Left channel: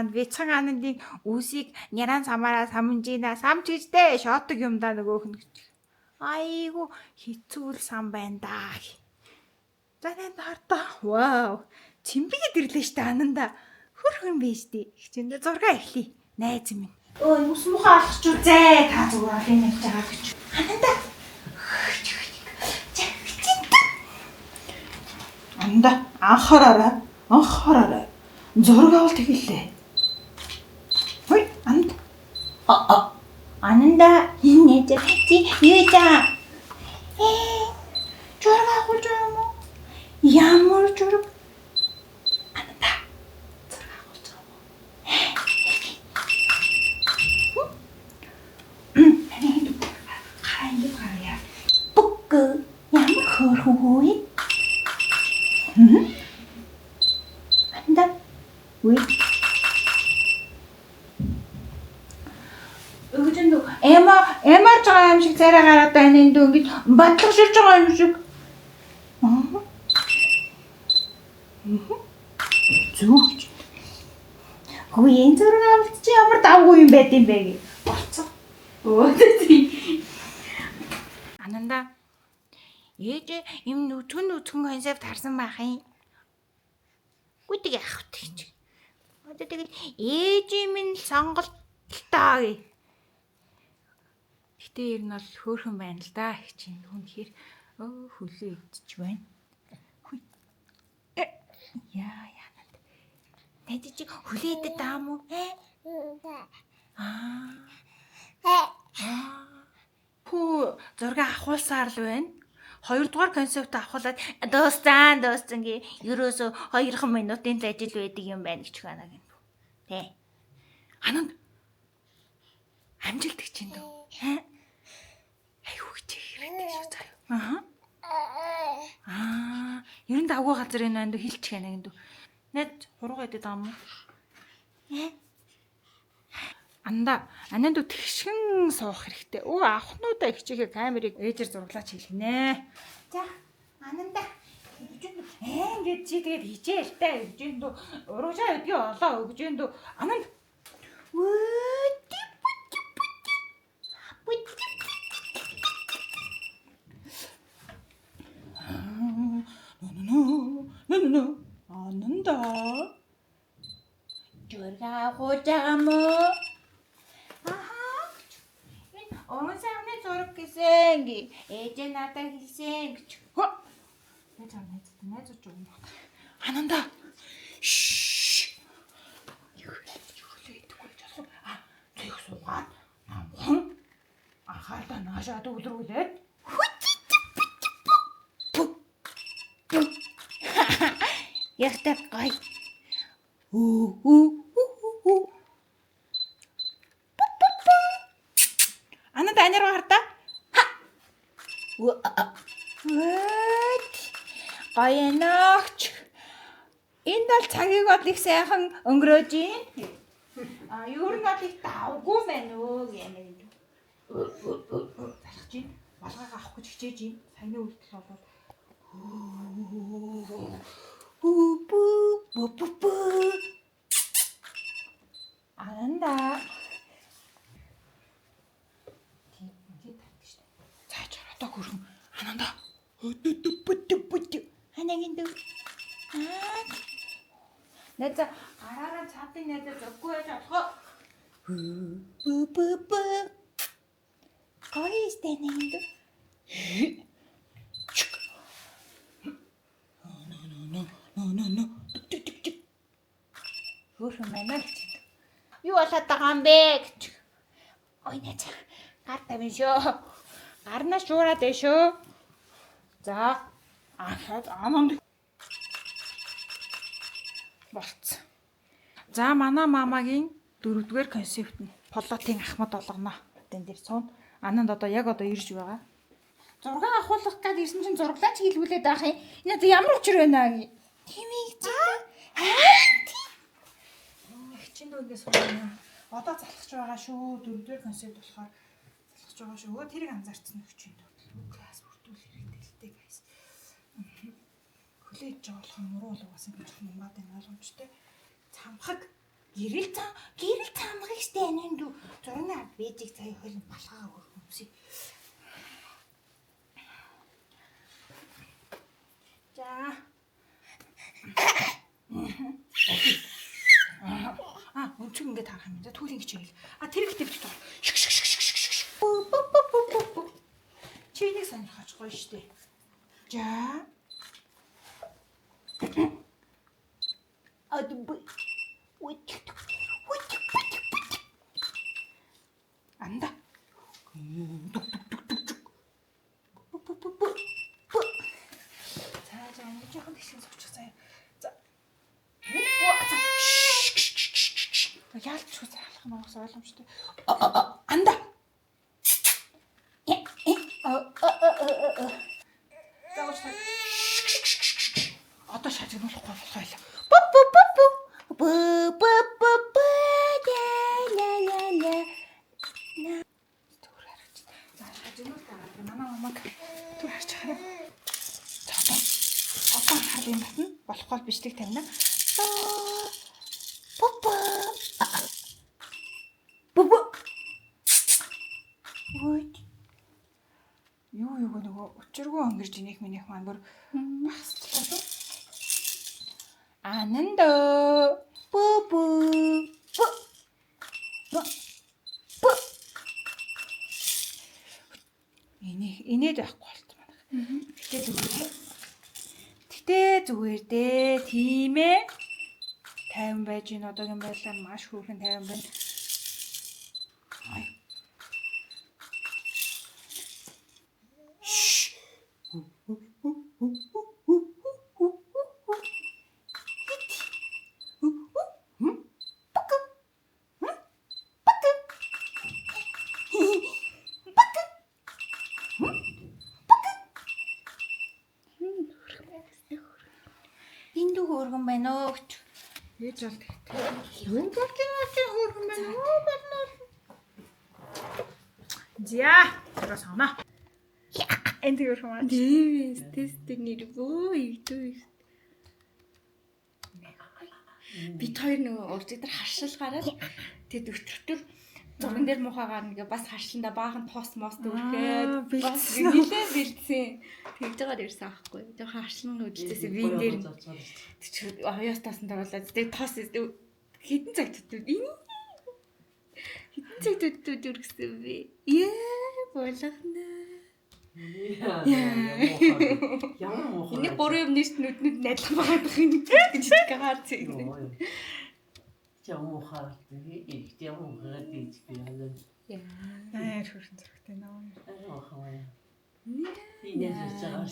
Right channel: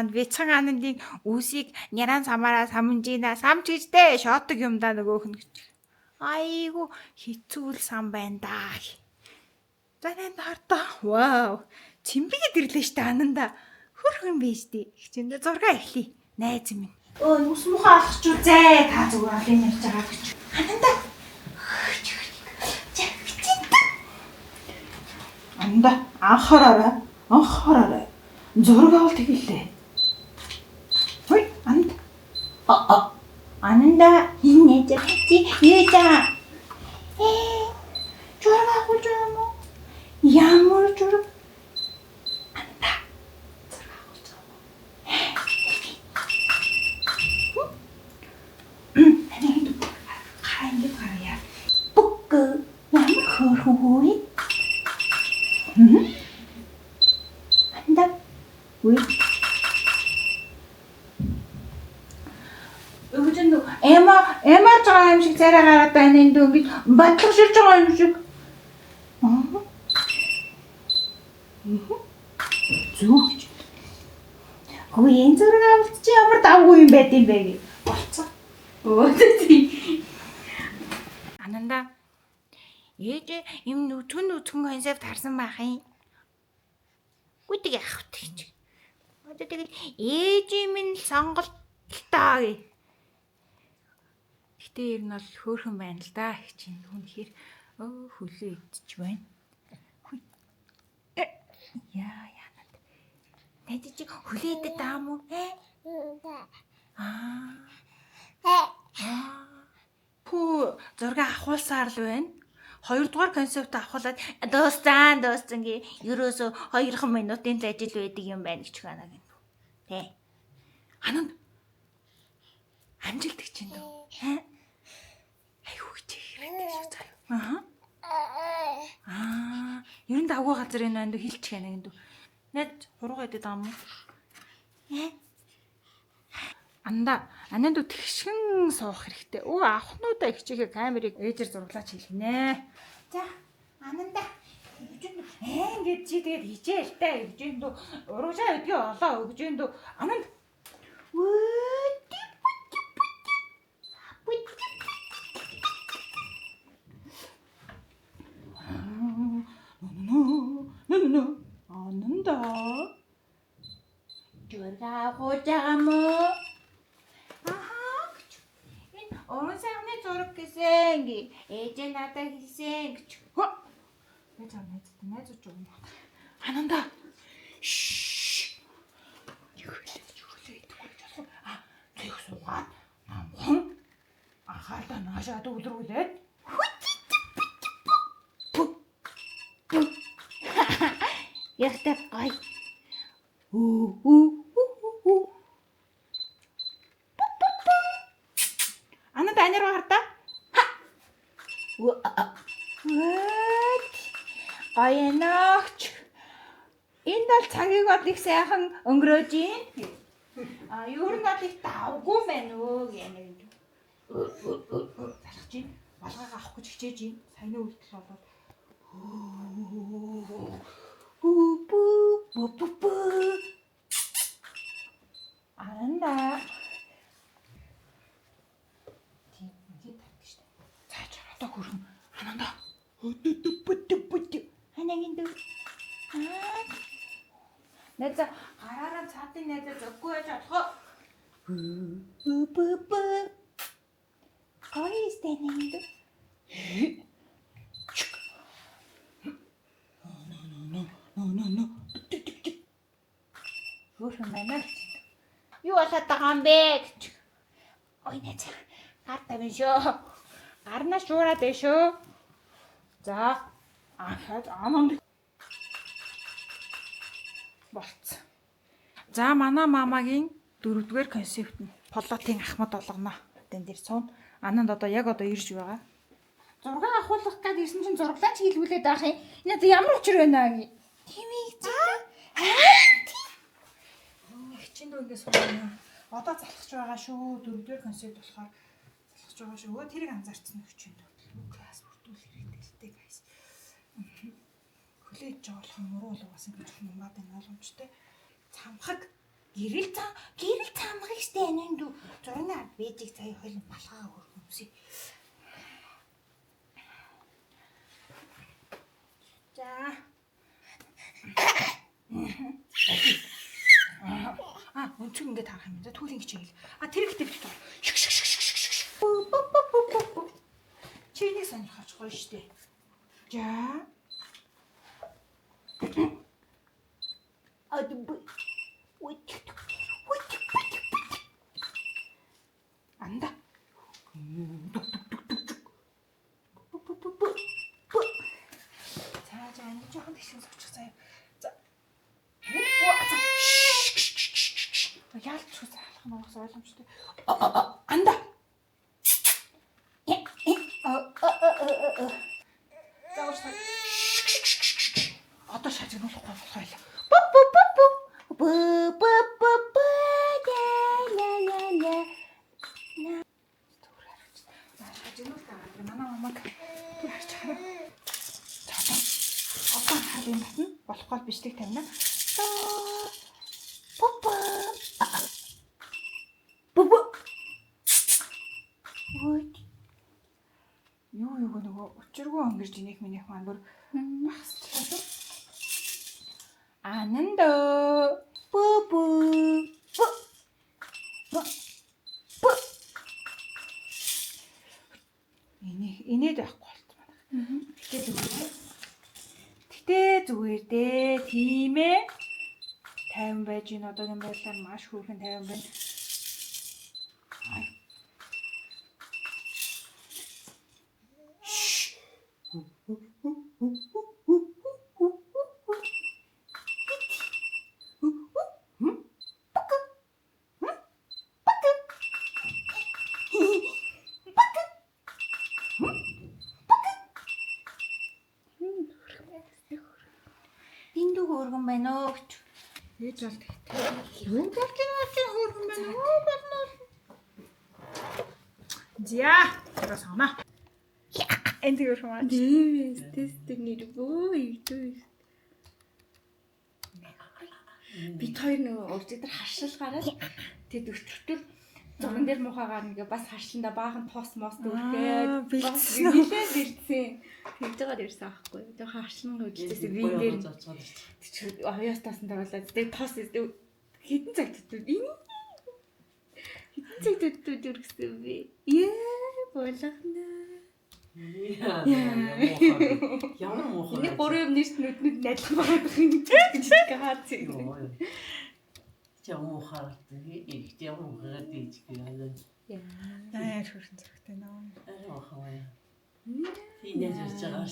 маань бяцхан анандын үсийг няран самаараа самжина самжижтэй шотог юм да нөгөөх нь гэж. Айгу хэцүү л сам байна да. За энэ хартаа. Вау. Чимбигээд ирлээ штэ ананда. Хөрхөн биш дээ. Хичээндээ зураг эхлэе. Найз минь. Нүс мухаа алхаж үзээ. Та зүгээр олон явж байгаа гэж. Ананда. Ананда анхаараа. Зураг авалт хэллээ. Хой, Ананда. Ананда энэ чи юу за? Зураг авах юм уу? Ямар зураг? Ананда. Зураг авах юм. Хараа. Бүк ямар хөрхөө. Ананда. Ой. Өгчөндөө эмаа жаа юм шиг царай гараад байна энэ дүү ингэж батлах ширж байгаа юм шиг. Зүгч. Хөөе энэ зураг авалт чи ямар давгүй юм байд юм бэ гэ. Болцоо. Ананда. Ээж юм нүцгэн концепт харсан байх юм. Гүдэг яах вэ гэж. Одоо тэгэл ээж минь сонголттой гэ. Гэтэ ер нь бол хөөрхөн байна л да. Чинь үнэхээр хөлөө идчих байна. Хүй. Яа. Найд чи хөлөө идэх даам уу? Пүү зураг авахулсаар л байна. Хоёрдугаар концепт авахлаад дууссан гээ ерөөсө 2 минутын л ажил байдаг юм байна гэж байна гэнэ. Тэ. Ананд амжилт гэж юм дөө. Аюу гэж хэрэгтэй шүү заяа. Ер нь давгүй газар энэ анд хэлчих яана гэнэ. Найд хуруугаа идэх даам уу? Ананд тэгшгэн суух хэрэгтэй. Авахнуудаа хичээхээ камерыг ээжээр зураглаач хэлнэ. За, Ананда. Ингэж чи тэгээд хичээл та өгжэндөө урагшаа өдгөө олоо өгжэндөө Ананд. Ананда. Жургаа гоожаам уу? Энэ орон сайхны зураг гэсэн гээ. Ээж надад хэлсэн гэж. Найз уу. Ананда. Юу хэлээ идэггүй жаа. Зүг суугаад. Анхаарлаа наашаа төвлөрүүлээд. Яхтай гай. Ананда анираа хартаа. Гайнаач. Энэ бол цагийг од их сайхан өнгөрөөж юм. Юу нэг их давгүй байна өө гэнэ. Залхаж чинь балгаага авах гэж хичээж юм. Саяны үйлдэл болоод Ананда. Тийм татдаг штэ. Цааш одоо хөрхөн. Ананда. Ханагин дүү. Найз гараараа цаатын найзаа зөггүй байж болохоо. Гойстэй нэнд. No. Хөрхөн байна гэж. Юу болоод байгаа юм бэ гэж. Ой найз. Гар тавин шүү. Гарнаа шуураад байна шүү. За. Ананд болцсон. За манай мамагийн 4-р концепт нь полотын ахмад болгоно. Тэн дээр суун. Ананд одоо ирж байгаа. Зураг авахулах гэж ирсэн чинь зураглаач хийлгүүлээд байх юм. Энэ ямар учир байна аа? Тэмийг хичээндөө ингээс сууна. Одоо залхаж байгаа шүү. 4-р концепт болохоор залхаж байгаа шүү. Тэрийг анзаарсан хичээндөө. Класс бүртүүл хэрэгтэй л дээ guys. Хүлээж байгаа болох муруу л угаасан гэж юмбаад энэ ойлгомжтой. Цамхаг Гэрэл цаамгыг штэ энэ дүү зурны ард бэжиг цай хойлон балгаа хөрхөмсөй. За. Өнцөг ингээд харах юм. За түүний хичээл. Тэр ихтэй битүү. Чи энийг сонирхож гоё штэ. За. Анда. За энэ жоохон тэгшин суучих заяа. За. Яалт шүү залах нь бас ойлгомжтой. Анда. Заавал одоо шажигнуулах болохгүй. Манай мамаг түр харж хараа. Одоо харин болохгүй бичдэг тавина. Юу нөгөө өчргөө өнгөрж инех минийх мангар басчихлаа. Ананда бу инээд байхгүй болт. Гэтэ зүгээр дээ. Тийм ээ. 50 байж ин одоогийн байдлаар маш хүүхэн 50 байна. Энд хөөргөн байна уу гэж. Ээж бол тэгтээ. Юу болж байгаа чи хөөргөн байна уу болно. За, тэр санаа. Энд хөөргөн маань. Тест нэрвөө ийдүү. Бид хоёр нөгөө өчигдөр харшилгаараа тэд өчтөр зурган дээр мухагаар ингээ бас харшиланда баахан тоос моос дүүрхээ бэлдсэн. Тэгж байгаа дээрсэн аахгүй. Тэгээ харшилн үдэлээс вин дээр оёос тоосон тавуулаад тэгээ тоос хитэн цаг төдөө энэ хитэн цаг төдөө дүргсэн би. Болгоно. Ямар муухай. Энийг 3 юм нийт нүднүүд найдлах байгаа юм гэж гахаад зэ. Муухай. Ихтэй муухай гэж байна. Яа хөрхөн зөрөгтэй нөө. Муухай. Инээж байгаа.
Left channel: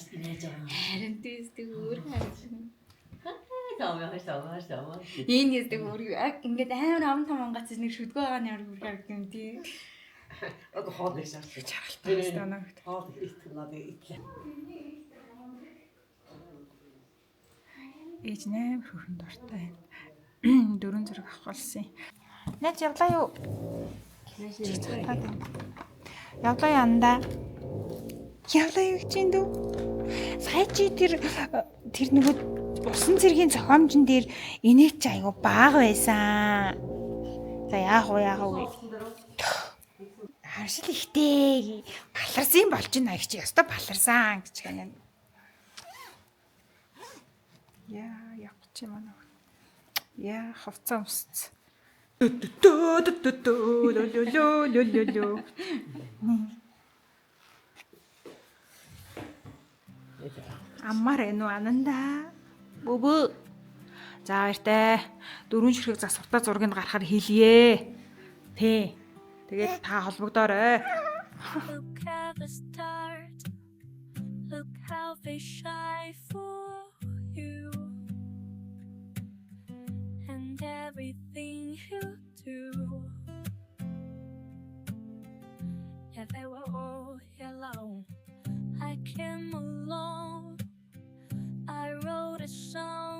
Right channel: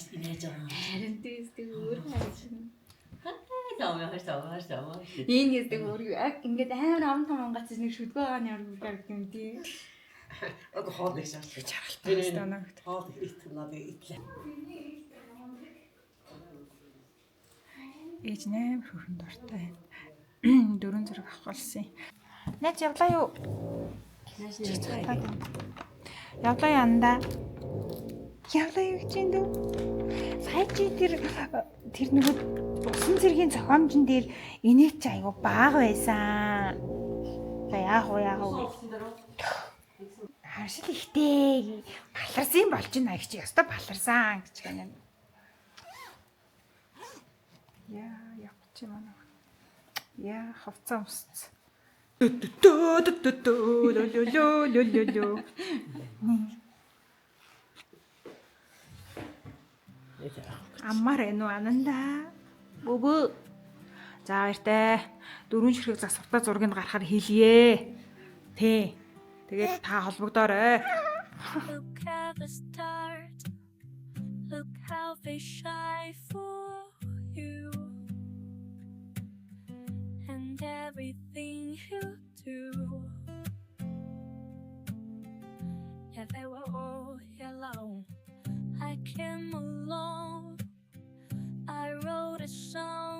Харин тийсдэг өөр хайшин. Таа. Энэ нэсдэг өөр ингээд амар амт гац нэг шүдгөө байгаа нь яг юм тий. Одоо хоол их шаарч Чаргалтай станаа. хоол их надад итлээ. Ээж 8 хөрхөн дуртай. 4 зэрэг авах болсон юм. Наач явлаа юу? Явлаа янда. Явлаа юу гэж юм дүү? Сая чи тэр нөгөө усан цэргийн зохиомжн дээр энийг ч айгу бага байсан. За яах вэ? Харшил ихтэй баларсан болж байна гэж яста баларсан гэж байна. Явах чи манай. Яа хавцаа усц. Амар энэ ананда. Бөбө. За баяртай. 4 ширхэг засвартаа зургийг гаргахаар хэлье. Тэ. Тэгээд та холбогдоорой. Look at the stars. Look how they shine for you. And everything you do. Yeah, they were all alone. I came alone. I wrote a song